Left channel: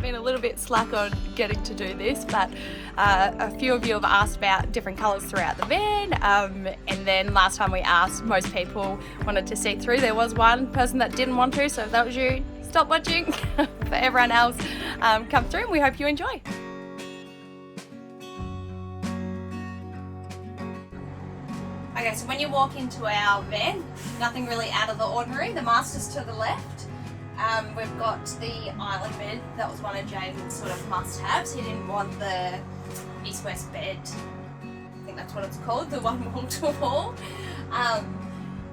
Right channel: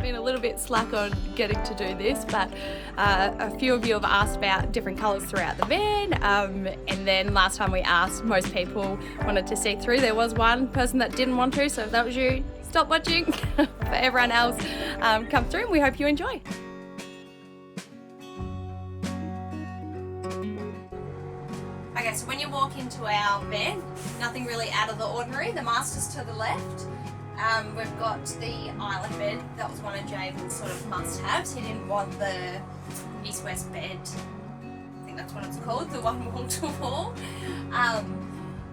been a little bit slack on getting to do this, but a few of you have asked about different colours throughout the van, and then last time we asked, most people wanted to see through. There was one person that didn't want to, so if that was you, stop watching. For everyone else, come through, and we hope you enjoy. Okay, so when you walk into our van, nothing really out of the ordinary. The master's to the left. We've got the island bed. That was one of Jaden's sort of must-haves. He didn't want the east-west bed. I think that's what it's called, the one wall to wall.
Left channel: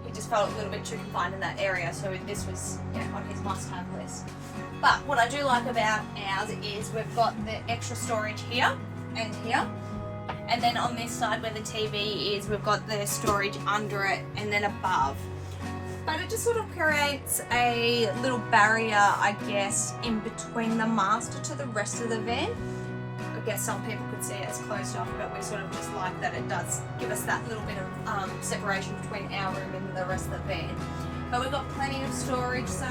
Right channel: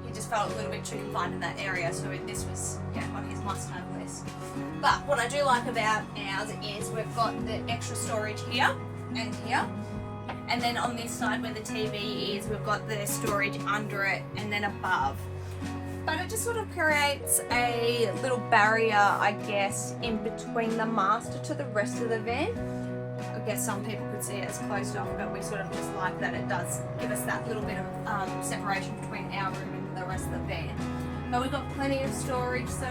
He just felt a little bit too confined in that area, so this was on his must-have list. But what I do like about ours is we've got the extra storage here and here. And then on this side where the TV is, we've got the storage under it and then above. But it just sort of creates a little barrier, I guess, in between the master to the rest of the van. I guess some people could see it as closed off, but we sort of just like that it does give us that little bit of separation between our room and the rest of the van. But we've got plenty of storage, so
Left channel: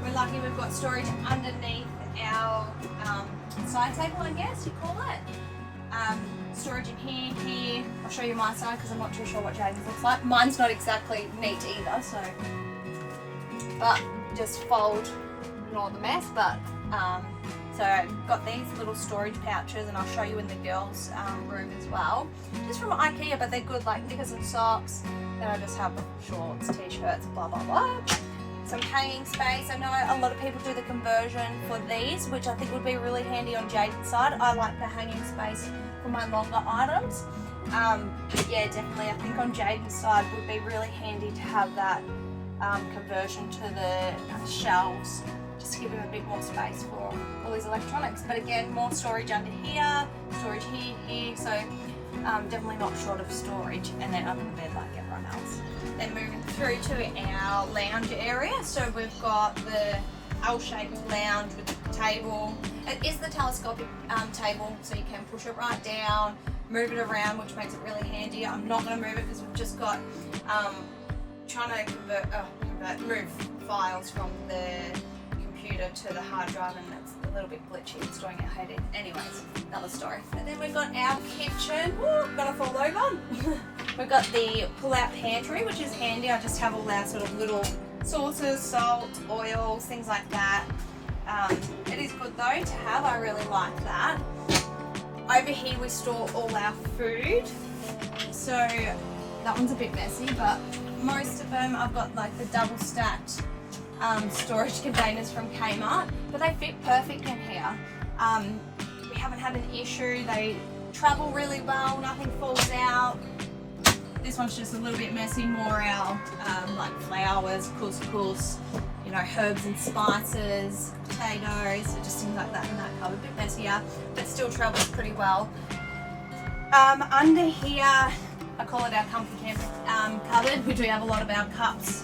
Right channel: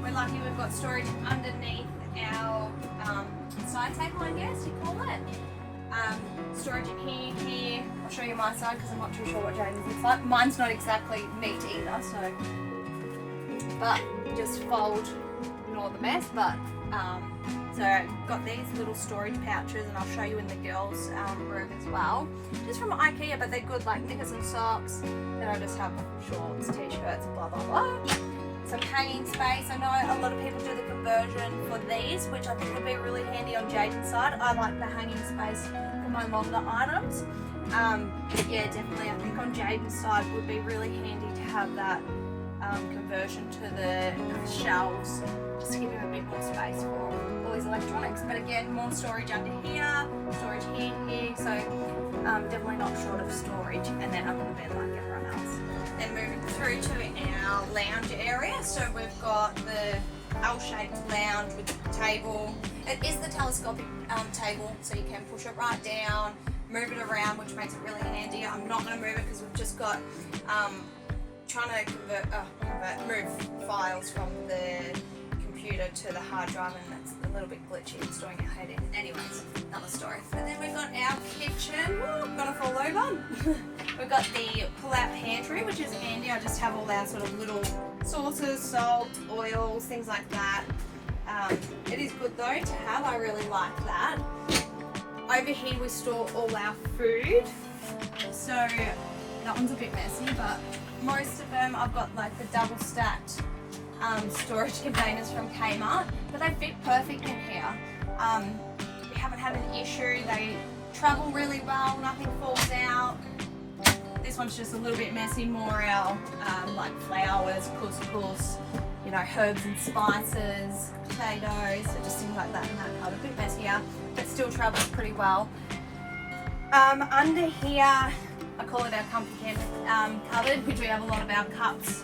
we're lucky we've got storage underneath our side table, I guess you call it. Storage in here. I'll show you my side because I'm not too sure what Jaden's looks like. Mine's not exactly neat either, so. But just fold, ignore the mess. But so got these little storage pouches, and I'll show you in the girls' room as well. Just from IKEA, but they're good, like knickers and socks. Then I just have shorts, t-shirts, blah blah blah. Some hanging space. I know a lot of people do the conversion for these, which I think would be really handy on Jaden's side. I like the hanging space for my longer items. But yeah, definitely I think on Jaden's side would be really handy to have that conversion to the shelves, just to give him a bit more space for all his electronics. But again, more storage under here, storage here, so definitely not short of storage, and then under the bed like everyone else. Then moving through to our lounge area, so we've got the L-shaped lounge with the table. It is the telescopic table, so you can push it right down, move it around, which makes it really handy. I'm not going to move it because we've just got trying to move files from the computer to the hard drive, and that's a little bit glitchy. It's doing our head in. Anyways, another story. And then we've got our kitchen. Woo, gonna fall over. We've got the pull-out pantry, which is handy. I just have all our sort of little sauces, salt, oils, things like that. It is good though to have. I really like that. Over here we store all our food. So that one's a bit messy, but most of them I've got like the double stacked storage containers from Kmart, but they fit perfect in here. We haven't had an issue. They travel really well, nothing falls out. This one's just a little bit messy, more our like flowers, couscous, you know, herbs and spices, potatoes, so just things like that in that cupboard. A bit messier, but still travels pretty well. Under here, I call it our comfy camp cupboard. We do have a lot of our cups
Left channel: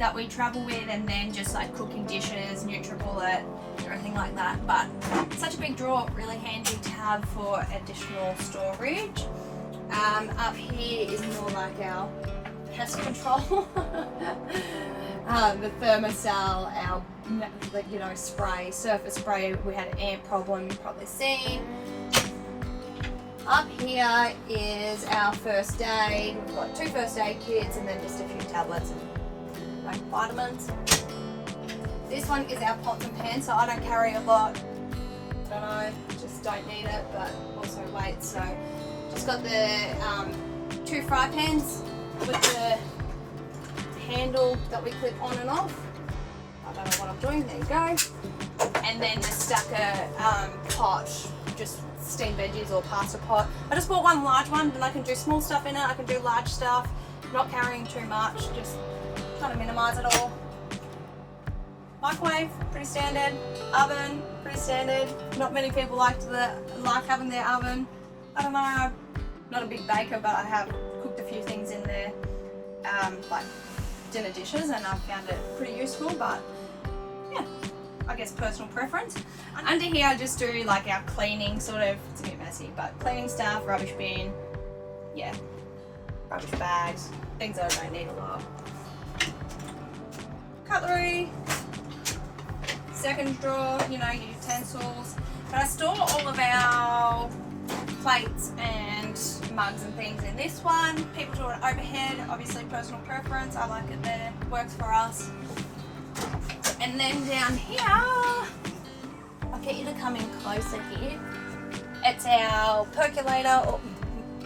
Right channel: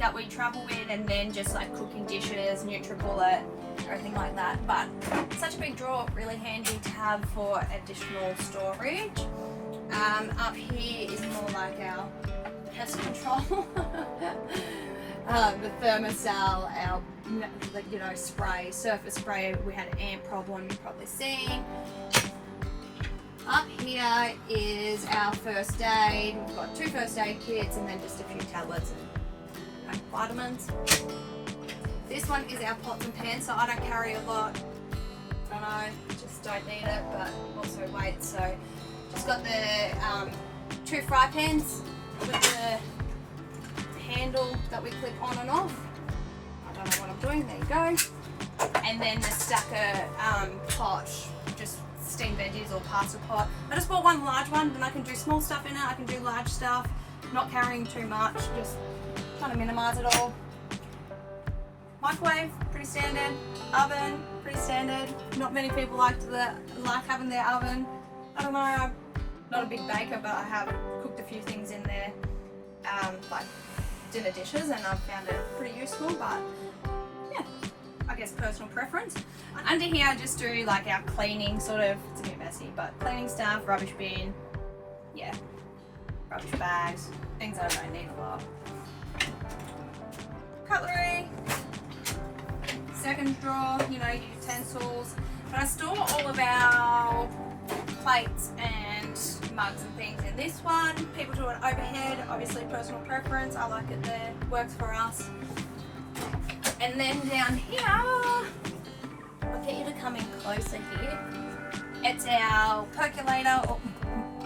that we travel with, and then just like cooking dishes, NutriBullet, everything like that. But such a big drawer, really handy to have for additional storage. Up here is more like our pest control. The thermosol, our spray, surface spray. We had an ant problem, you've probably seen. Up here is our first aid. We've got 2 first aid kits and then just a few tablets and vitamins. This one is our pots and pans, so I don't carry a lot. Don't know, just don't need it, but also weight. So just got the 2 fry pans with the handle that we clip on and off. I don't know what I'm doing, there you go. And then the stacker pot, just steamed veggies or pasta pot. I just bought one large one, and I can do small stuff in it, I can do large stuff, not carrying too much, just trying to minimise it all. Microwave, pretty standard. Oven, pretty standard. Not many people like having their oven. I don't know, I'm not a big baker, but I have cooked a few things in there, like dinner dishes, and I've found it pretty useful, but yeah, I guess personal preference. Under here I just do like our cleaning sort of, it's a bit messy, but cleaning stuff, rubbish bin, yeah, rubbish bags, things that I don't need a lot. Cutlery, second drawer, you know, utensils. But I store all of our plates and mugs and things in this one. People do it overhead, obviously personal preference. I like it there, works for us. And then down here, I'll get you to come in closer here. It's our percolator, or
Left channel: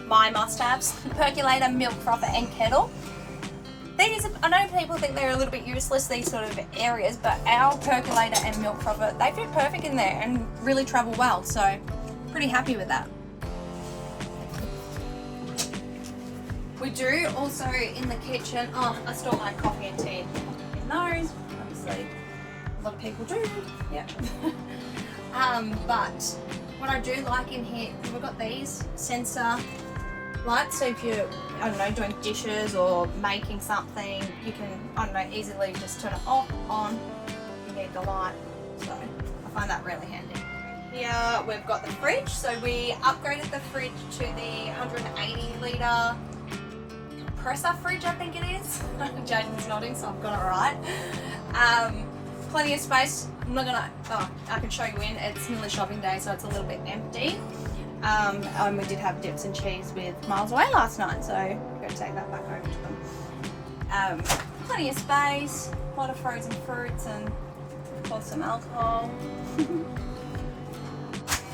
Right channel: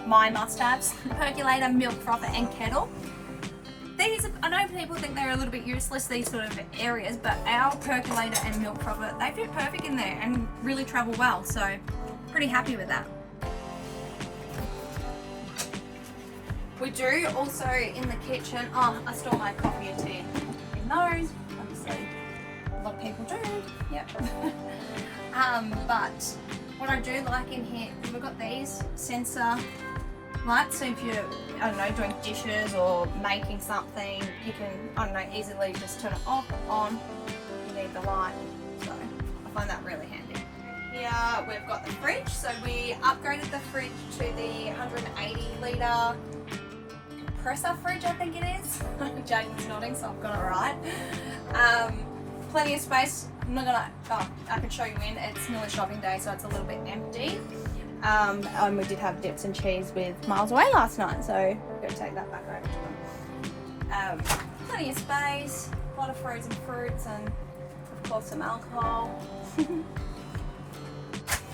my must-haves, percolator, milk frother and kettle. These, I know people think they're a little bit useless, these sort of areas, but our percolator and milk frother, they fit perfect in there and really travel well, so pretty happy with that. We do also in the kitchen, I store my coffee and tea in those, obviously a lot of people do, yep. But what I do like in here, we've got these sensor lights, so if you're, I don't know, doing dishes or making something, you can, I don't know, easily just turn it off, on, you need the light, so I find that really handy. Here we've got the fridge, so we upgraded the fridge to the 180 litre compressor fridge, I think it is. Jaden's nodding, so I've got it right. Plenty of space. I'm not gonna, I can show you in, it's nearly shopping day, so it's a little bit empty. And we did have dips and cheese with Miles Away last night, so we're going to take that back over to them. Plenty of space, a lot of frozen fruits, and of course some alcohol.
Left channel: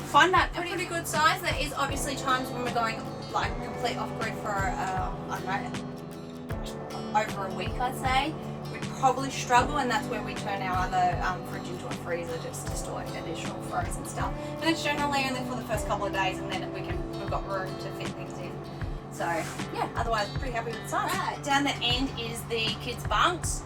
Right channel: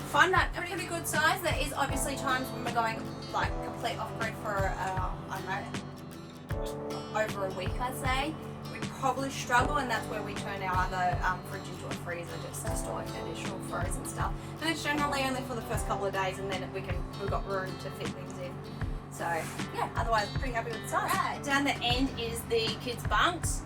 Find that a pretty good size. There is obviously times when we're going like complete off-grid for, I don't know, over a week, I'd say. We probably struggle, and that's where we turn our other fridge into a freezer just to store additional frozen stuff. But it's generally only for the first couple of days, and then we've got room to fit things in. So yeah, otherwise pretty happy with the size. Right. Down the end is the kids' bunks.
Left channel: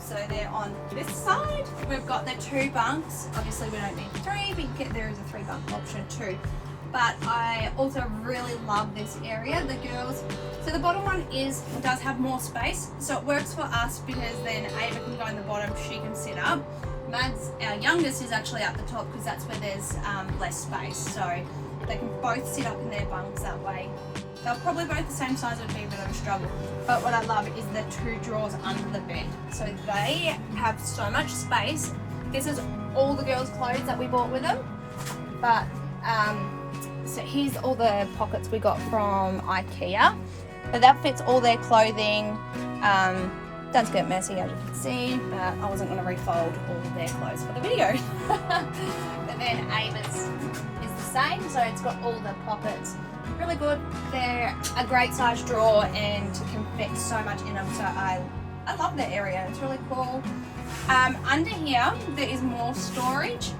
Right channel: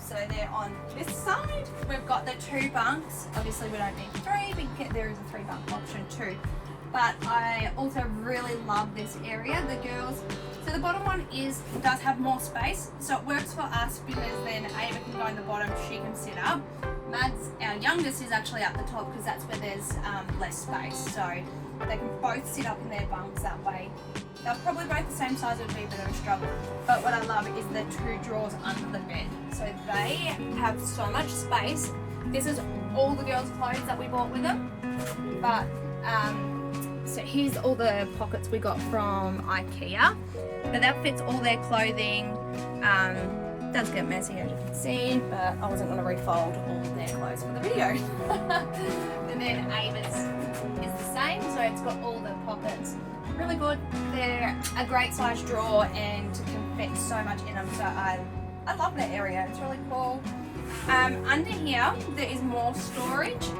So they're on this side. We've got the 2 bunks. Obviously we don't need 3, but there is a 3 bunk option too. But I also really love this area. The girls, so the bottom one does have more space, so it works for us because then Ava can go in the bottom, she can sit up. Mads, our youngest, is actually up the top because that's where there's less space, so they can both sit up in their bunks that way. They're probably both the same size, would be a bit of a struggle. But what I love is the 2 drawers under the bed, so they have so much space. This is all the girls' clothes that we bought with them, but so here's all the pockets we got from IKEA. So that fits all their clothing. Does get messy as you can see, but I wasn't going to refold all of their clothes for the video. And then Ava's is the same, so it's got all the pockets. Really good. They're a great size drawer and can fit so much in them, so I love that area. It's really cool. Under here there is more storage.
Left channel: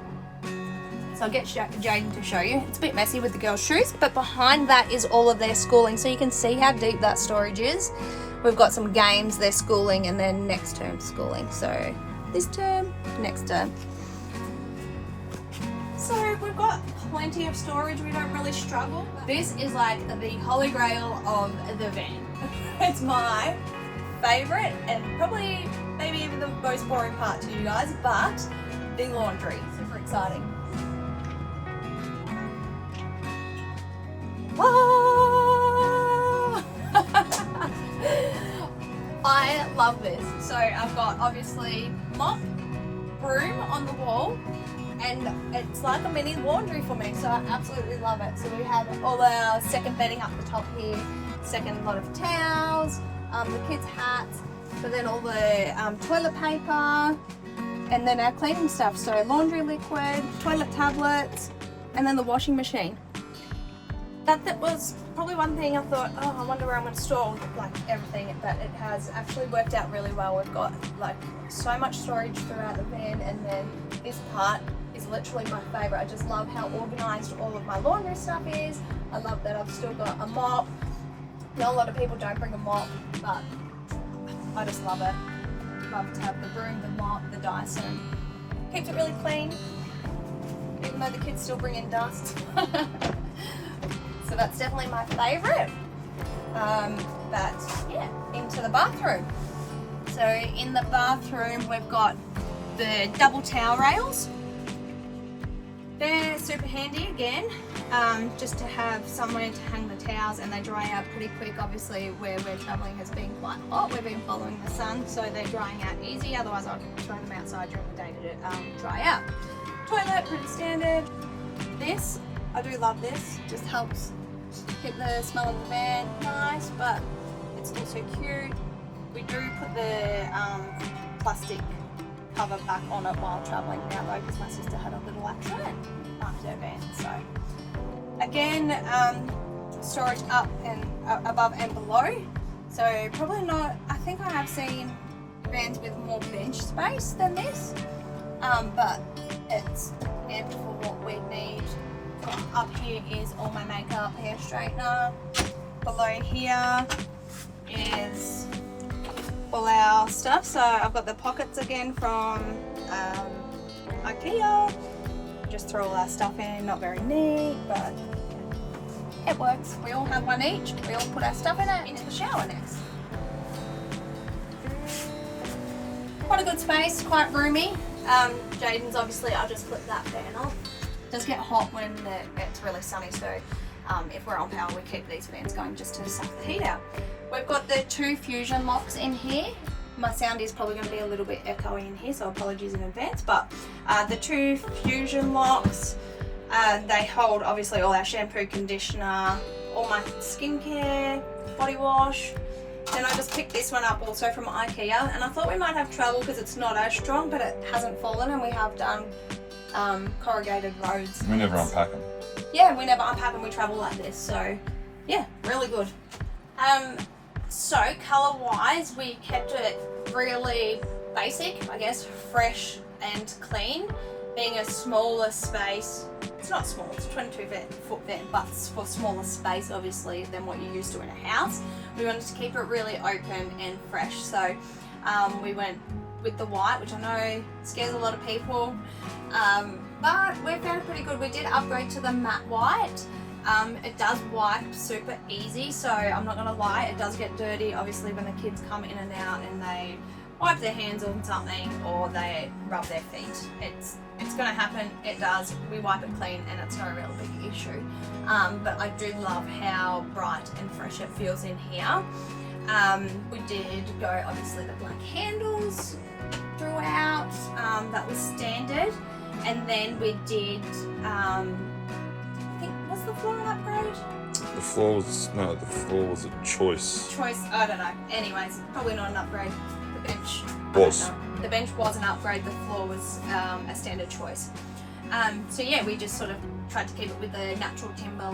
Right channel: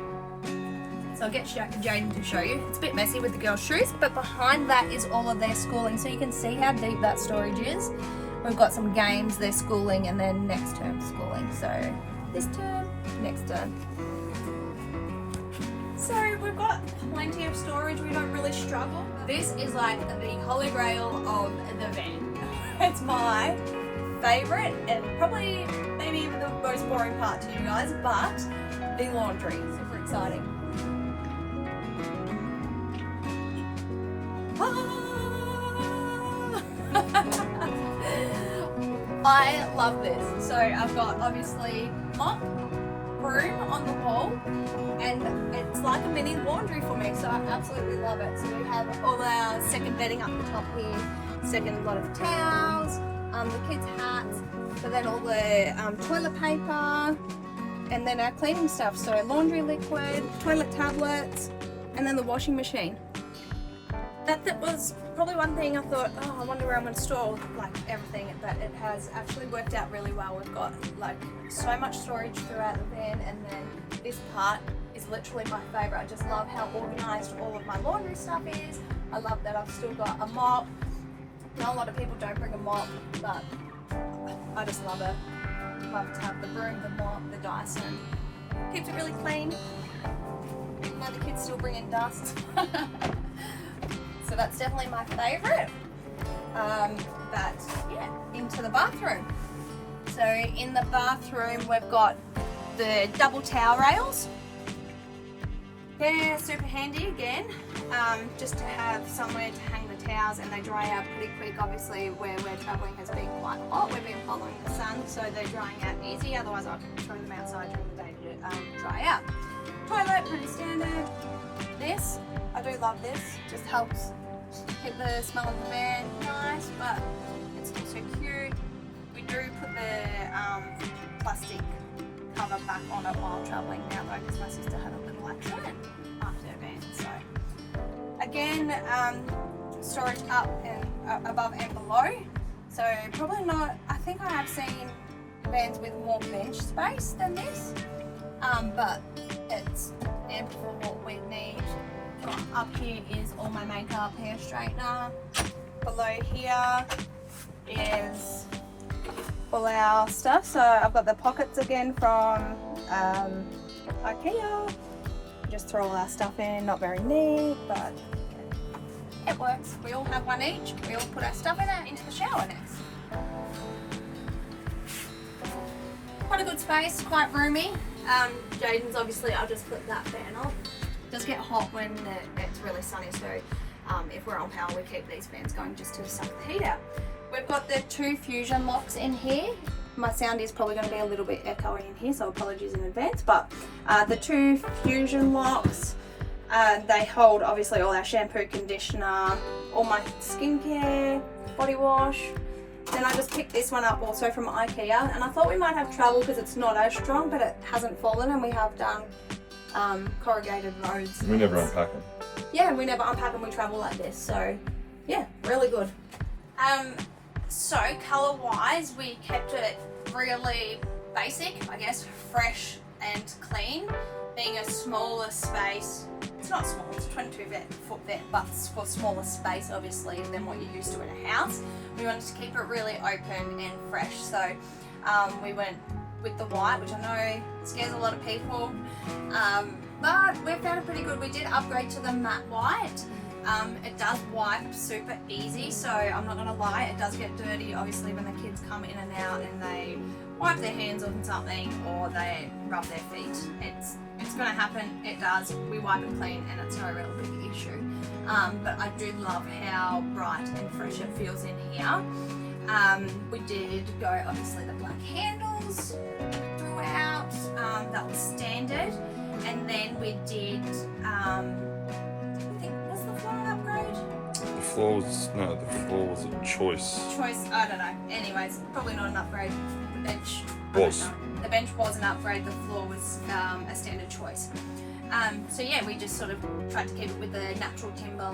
So I'll get Jaden to show you. It's a bit messy with the girls' shoes, but behind that is all of their schooling. So you can see how deep that storage is. We've got some games, their schooling, and then next term schooling. So this term, next term. So we've got plenty of storage. We don't really struggle. This is like the holy grail of the van. It's my favorite and probably maybe even the most boring part to you guys, but the laundry. Super exciting. I love this. So I've got obviously mop, broom on the wall, and it's like a mini laundry for me, so I absolutely love it. So we have all our second bedding up the top here, second lot of towels, the kids' hats, so then all the toilet paper, and then our cleaning stuff, so laundry liquid, toilet tablets, and then the washing machine. That was probably one thing I thought, oh, I wonder where I'm going to store like everything, but it has actually worked out really well. We've got like so much storage throughout the van, and then this part is literally my favourite. I just love how organised all of my laundry stuff is. I love that I've still got a mop. Now a lot of people don't bring a mop, but I just love it. Love to have the broom, the mop, the Dyson. Keeps it really clean, even though the kids still bring in dust. So that's definitely my favourite. But yeah, into the bathroom. So in the bathroom we've got the double towel rails. They're super handy again, just to have somewhere to hang the towels, and they dry out pretty quick. Obviously where we're travelling has been quite hot. We've been following the sun, so they're drying out easy. Otherwise I'd throw them outside during the day to pretty standard. This, I do love this, just helps keep the smell of the van nice, but it's also cute. We do put the plastic cover back on it while travelling now though, because my sister had a little accident after her van. So again, storage up and above and below. So probably not, I think I have seen vans with more bench space than this, but it's ample for what we need. Up here is all my makeup, hair straightener. Below here is all our stuff. So I've got the pockets again from IKEA. Just throw all our stuff in, not very neat, but it works. We all have one each. We all put our stuff in it into the shower next. Quite a good space, quite roomy. Jaden's obviously, I'll just flip that fan off. It does get hot when it's really sunny, so if we're on power we keep these fans going just to suck the heat out. We've got the 2 fusion locks in here. My sound is probably going to be a little bit echoey in here, so apologies in advance, but the 2 fusion locks, they hold obviously all our shampoo, conditioner, all my skincare, body wash. Then I just picked this one up also from IKEA, and I thought we might have trouble because it's not as strong, but it hasn't fallen, and we have done corrugated roads. We never unpack them. Yeah, we never unpack them, we travel like this, so yeah, really good. So colour wise, we kept it really basic, I guess, fresh and clean, being a smaller space. It's not small, it's 22-foot van, but for smaller space obviously than what you're used to in a house. We wanted to keep it really open and fresh, so we went with the white, which I know scares a lot of people, but we found it pretty good. We did upgrade to the matte white. It does wipe super easy, so I'm not gonna lie, it does get dirty obviously when the kids come in and out and they wipe their hands on something or they rub their feet. It's gonna happen, it does. We wipe it clean and it's not a real big issue. But I do love how bright and fresh it feels in here. We did go obviously the black handles throughout, that was standard. And then we did, I think, was the floor an upgrade? The floor was a choice. I don't know. Anyways, probably not an upgrade. The bench Was. The bench was an upgrade, the floor was a standard choice. So yeah, we just sort of tried to keep it with the natural timber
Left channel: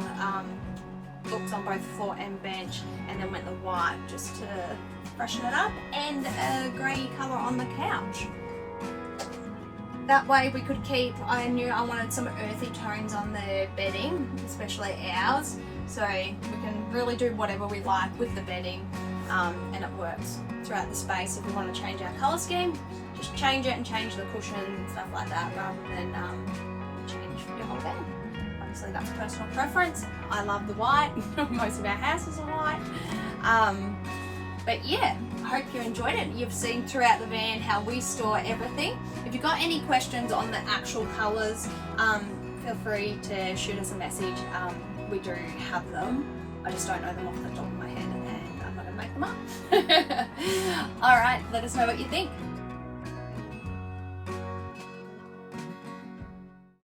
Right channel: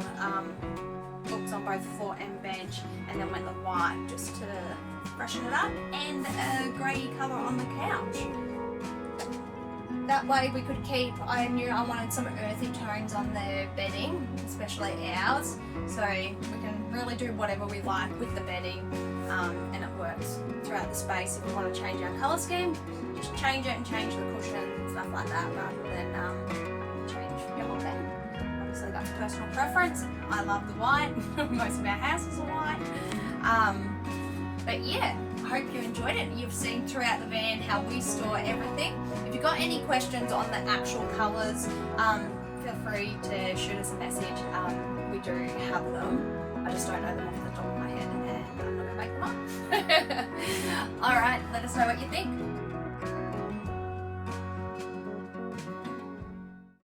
looks on both floor and bench, and then went the white just to freshen it up, and a grey colour on the couch. That way we could keep, I knew I wanted some earthy tones on the bedding, especially ours, so we can really do whatever we like with the bedding, and it works throughout the space. If we want to change our colour scheme, just change it and change the cushion and stuff like that, rather than change your whole bed. Obviously that's personal preference. I love the white, most of our houses are white. But yeah, I hope you enjoyed it. You've seen throughout the van how we store everything. If you've got any questions on the actual colours, feel free to shoot us a message. We do have them. I just don't know them off the top of my head and I'm going to make them up. Alright, let us know what you think.